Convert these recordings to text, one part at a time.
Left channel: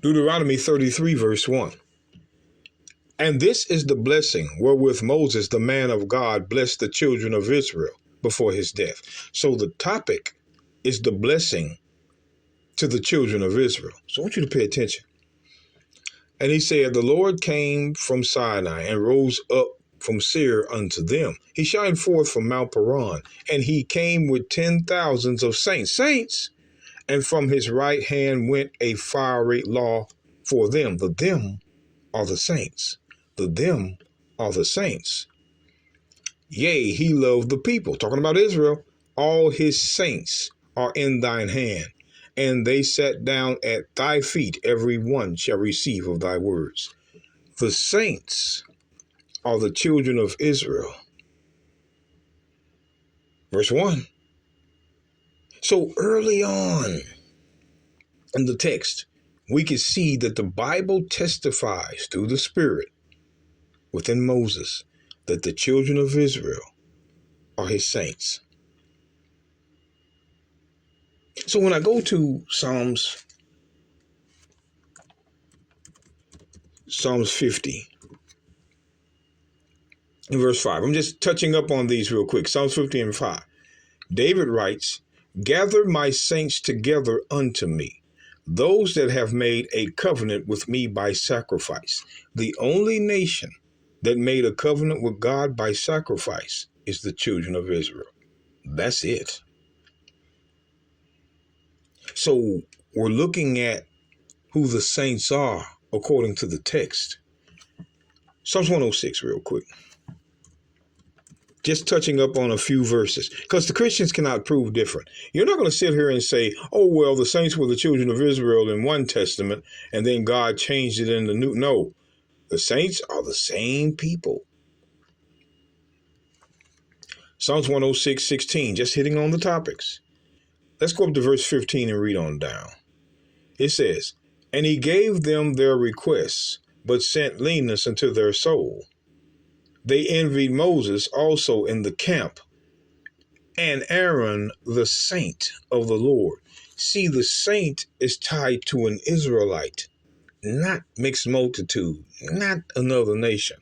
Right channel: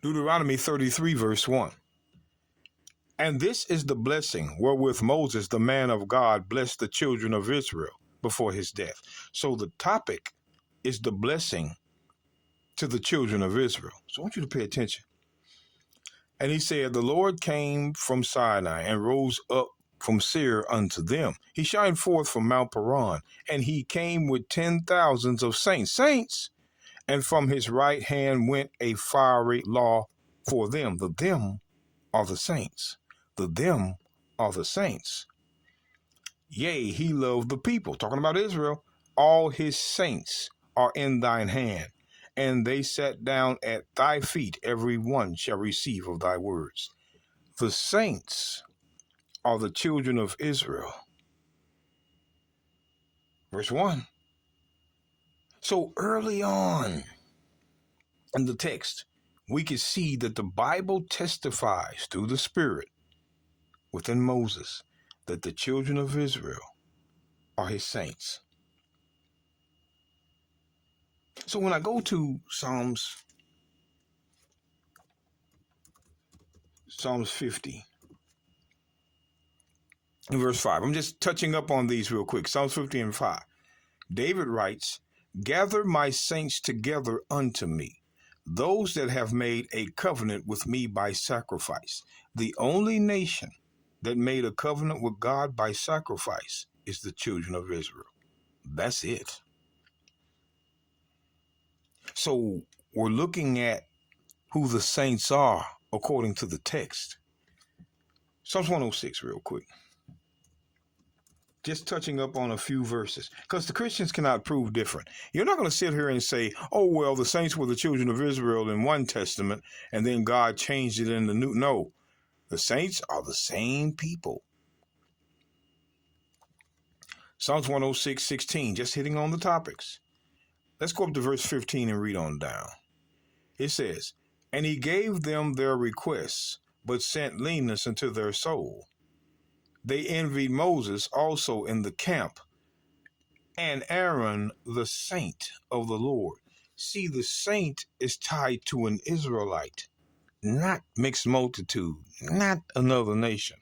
Deuteronomy 33, verse 1. And this is the blessing wherewith Moses, the man of God, blessed the children of Israel before his death. So the topic is the blessing to the children of Israel. So I want you to pay attention. And he said, the Lord came from Sinai and rose up from Seir unto them. He shined forth from Mount Paran, and he came with 10,000s of saints, and from his right hand went a fiery law for them. The them are the saints. The them are the saints. Yea, he loved the people. Talking about Israel. All his saints are in thine hand, and they sat down at thy feet. Every one shall receive of thy words. The saints are the children of Israel. Verse 1. So early on in the text, we can see that the Bible testifies through the Spirit within Moses that the children of Israel are his saints. So when I go to Psalms 50 in verse 5, I'm just touching up on these real quick. Psalms 50 and 5. David writes, gather my saints together unto me, those that have made a covenant with me by sacrifice. The only nation that made a covenant with God by sacrifice is the children of Israel. That's it. So we're looking at who the saints are according to the text. Psalms 106 real quick. Just touching up on a few verses, because the Christians cannot prove different. You're not going to sit here and say, oh, well, the saints were the children of Israel in one testament, and then God changed it in the new. No, the saints are the same people. Psalms 106, 16, just hitting on the topics. Let's go up to verse 15 and read on down. It says, and he gave them their requests, but sent leanness into their soul. They envied Moses also in the camp, and Aaron, the saint of the Lord. See, the saint is tied to an Israelite, not mixed multitude, not another nation.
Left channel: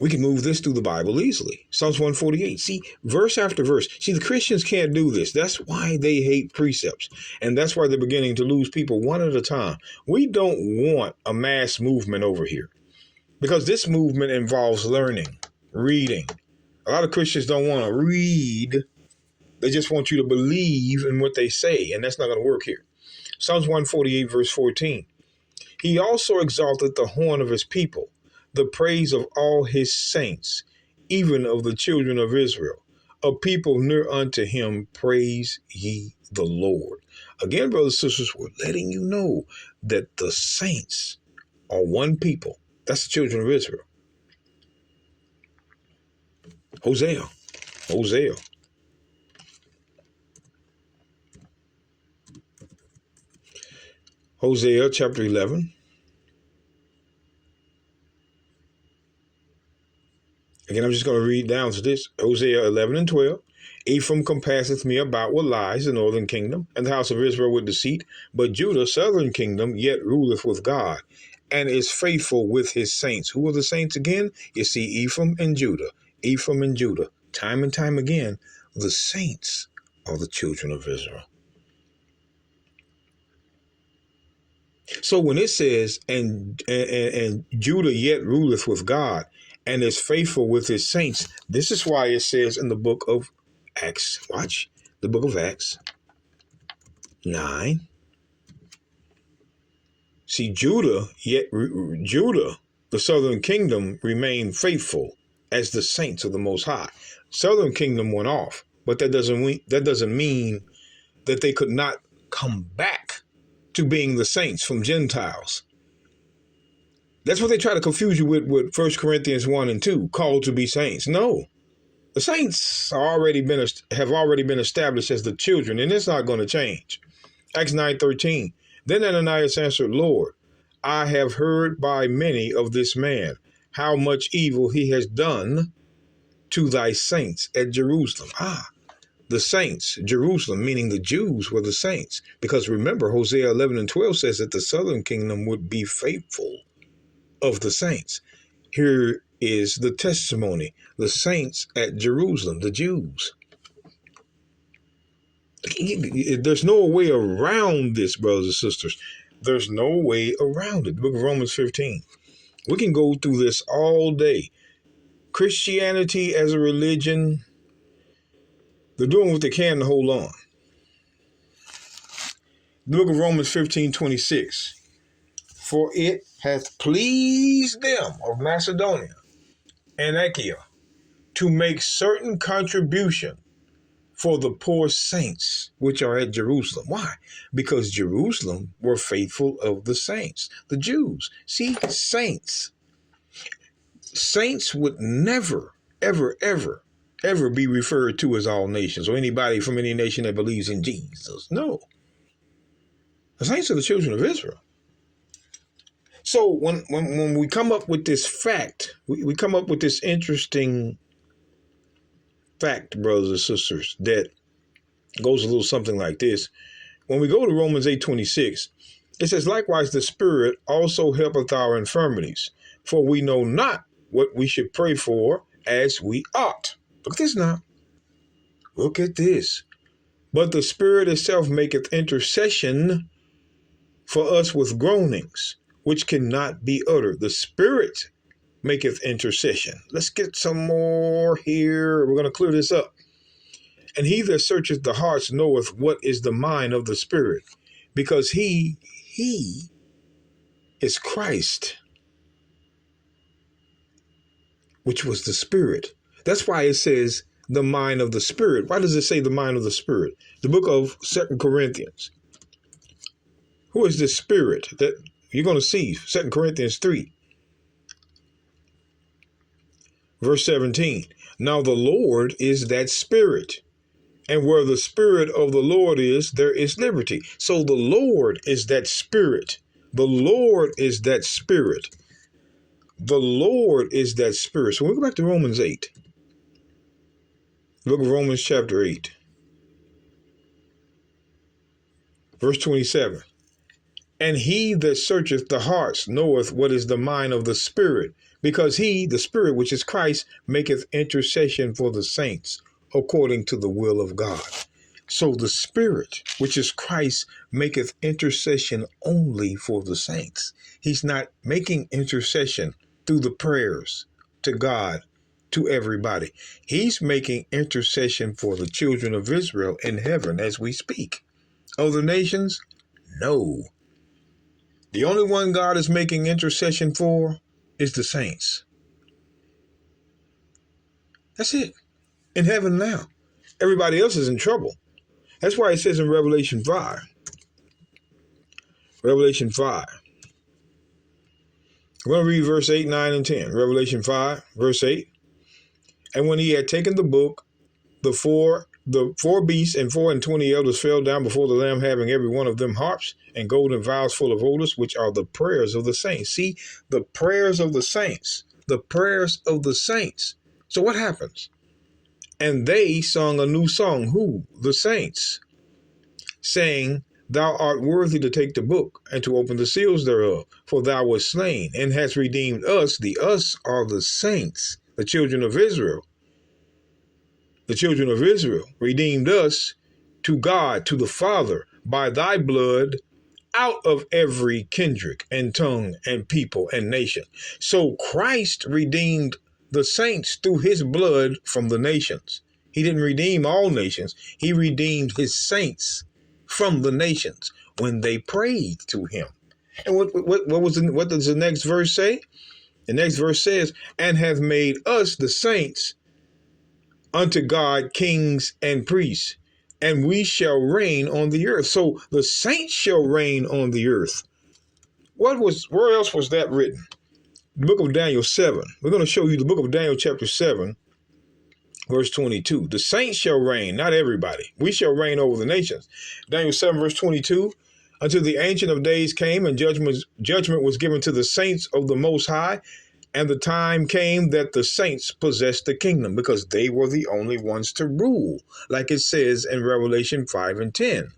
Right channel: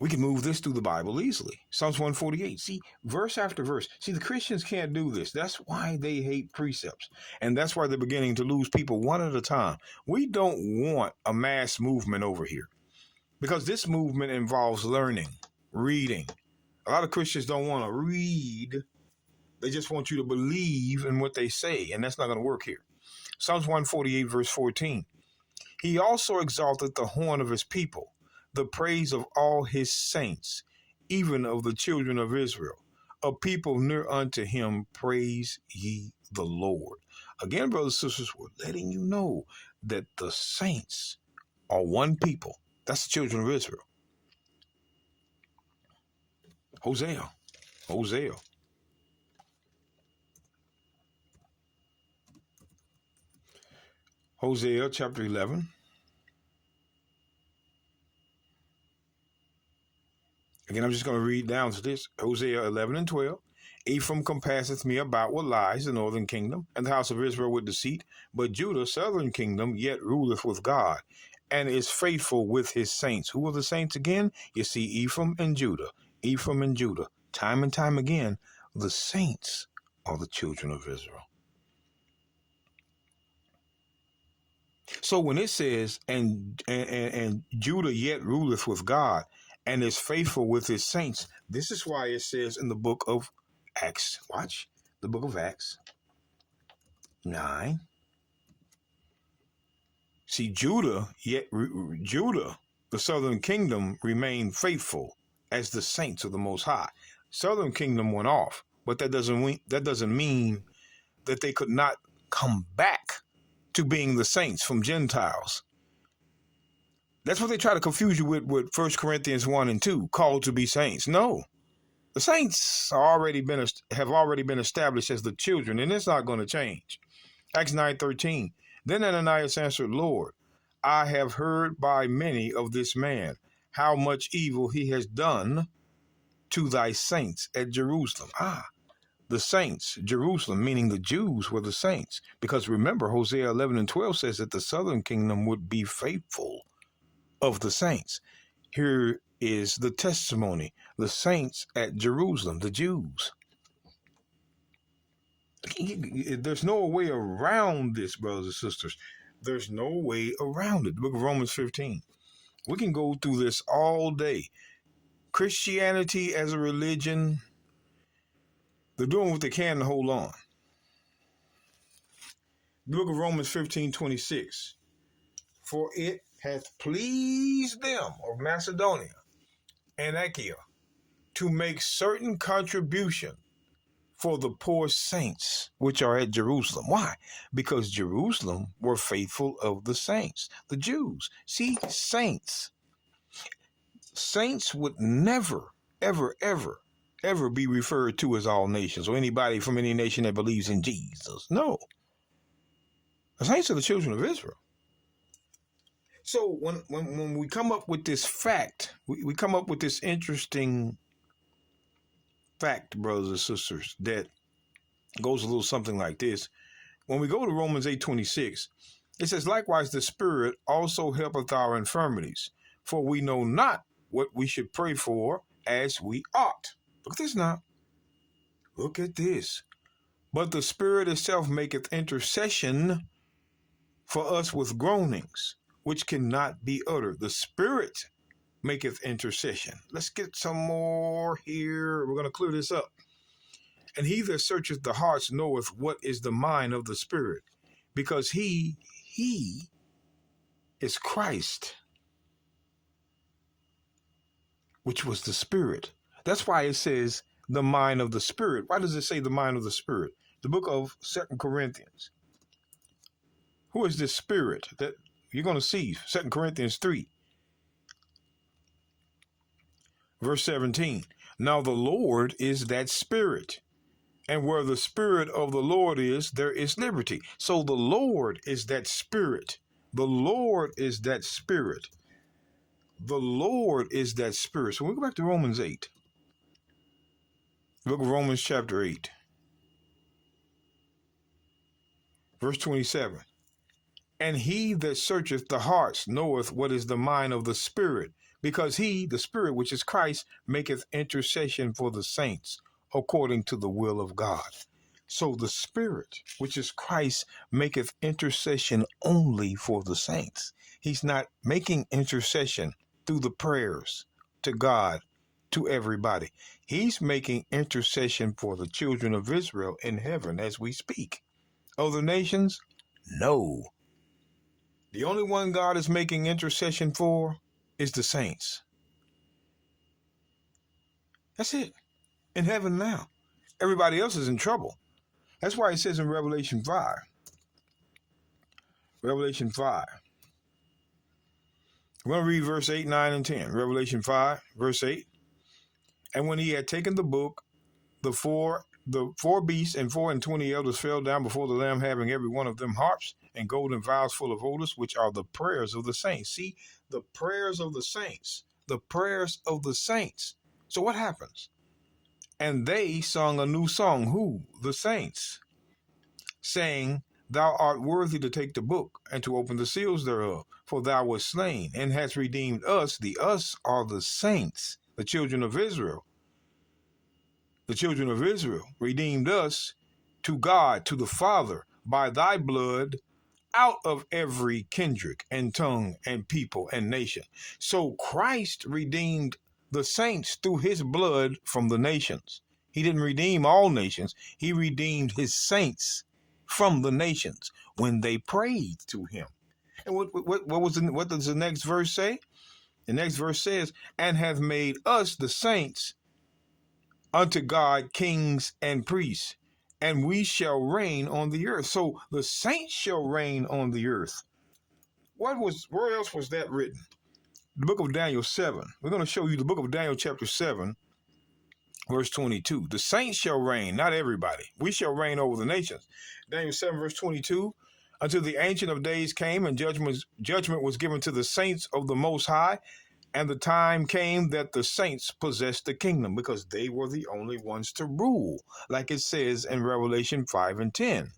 We can move this through the Bible easily. Psalms 148. See, verse after verse. See, the Christians can't do this. That's why they hate precepts. And that's why they're beginning to lose people one at a time. We don't want a mass movement over here, because this movement involves learning, reading. A lot of Christians don't want to read. They just want you to believe in what they say. And that's not going to work here. Psalms 148, verse 14. He also exalted the horn of his people, the praise of all his saints, even of the children of Israel. A people near unto him, praise ye the Lord. Again, brothers and sisters, we're letting you know that the saints are one people. That's the children of Israel. Hosea. Hosea chapter 11. Again, I'm just going to read down to this. Hosea 11 and 12. Ephraim compasseth me about with lies, the northern kingdom, and the house of Israel with deceit. But Judah, southern kingdom, yet ruleth with God, and is faithful with his saints. Who are the saints again? You see, Ephraim and Judah. Ephraim and Judah. Time and time again, the saints are the children of Israel. So when it says, and Judah yet ruleth with God, and is faithful with his saints, this is why it says in the book of Acts, watch, the book of Acts 9. See, Judah, the southern kingdom, remained faithful as the saints of the Most High. Southern kingdom went off, but that doesn't mean that they could not come back to being the saints from Gentiles. That's what they try to confuse you with 1 Corinthians 1 and 2, called to be saints. No, the saints have already been established as the children, and it's not going to change. Acts 9:13. Then Ananias answered, Lord, I have heard by many of this man, how much evil he has done to thy saints at Jerusalem. the saints, Jerusalem, meaning the Jews were the saints. Because remember, Hosea 11 and 12 says that the southern kingdom would be faithful of the saints. Here is the testimony, the saints at Jerusalem, the Jews. There's no way around this, brothers and sisters. There's no way around it. The book of Romans 15. We can go through this all day. Christianity as a religion, they're doing what they can to hold on. The book of Romans 15:26. For it hath pleased them of Macedonia and Achaia to make certain contribution for the poor saints which are at Jerusalem. Why? Because Jerusalem were faithful of the saints, the Jews. See, saints would never, ever, ever, ever be referred to as all nations or anybody from any nation that believes in Jesus. No. The saints are the children of Israel. So when we come up with this fact, we come up with this interesting fact, brothers and sisters, that goes a little something like this. When we go to Romans 8:26, it says, likewise the Spirit also helpeth our infirmities, for we know not what we should pray for as we ought. Look at this now. Look at this. But the Spirit itself maketh intercession for us with groanings, which cannot be uttered. The Spirit maketh intercession. Let's get some more here. We're going to clear this up. And he that searcheth the hearts knoweth what is the mind of the Spirit, because he is Christ, which was the Spirit. That's why it says the mind of the Spirit. Why does it say the mind of the Spirit? The book of 2 Corinthians. Who is this Spirit that you're going to see? 2 Corinthians 3. Verse 17, now the Lord is that Spirit, and where the Spirit of the Lord is, there is liberty. So the Lord is that Spirit. The Lord is that Spirit. The Lord is that Spirit. So we go back to Romans 8. Book of Romans chapter 8. Verse 27. And he that searcheth the hearts knoweth what is the mind of the Spirit, because he, the Spirit, which is Christ, maketh intercession for the saints according to the will of God. So the Spirit, which is Christ, maketh intercession only for the saints. He's not making intercession through the prayers to God, to everybody. He's making intercession for the children of Israel in heaven as we speak. Other nations? No. The only one God is making intercession for is the saints. That's it. In heaven now. Everybody else is in trouble. That's why it says in Revelation 5. Revelation 5. I'm going to read verse 8, 9, and 10. Revelation 5, verse 8. And when he had taken the book, the four beasts and 24 elders fell down before the Lamb, having every one of them harps and golden vials full of odors, which are the prayers of the saints. See, the prayers of the saints. The prayers of the saints. So what happens? And they sung a new song. Who? The saints. Saying, thou art worthy to take the book and to open the seals thereof, for thou wast slain and hast redeemed us. The us are the saints, the children of Israel. The children of Israel redeemed us to God, to the Father, by thy blood, out of every kindred and tongue and people and nation. So Christ redeemed the saints through his blood from the nations. He didn't redeem all nations. He redeemed his saints from the nations when they prayed to him. And what does the next verse say? The next verse says, and hath made us the saints unto God kings and priests, and we shall reign on the earth. So the saints shall reign on the earth. Where else was that written? The book of Daniel 7. We're going to show you the book of Daniel chapter 7, verse 22. The saints shall reign, not everybody. We shall reign over the nations. Daniel 7, verse 22. Until the Ancient of Days came, and judgment was given to the saints of the Most High, And the time came that the saints possessed the kingdom because they were the only ones to rule, like it says in Revelation 5 and 10.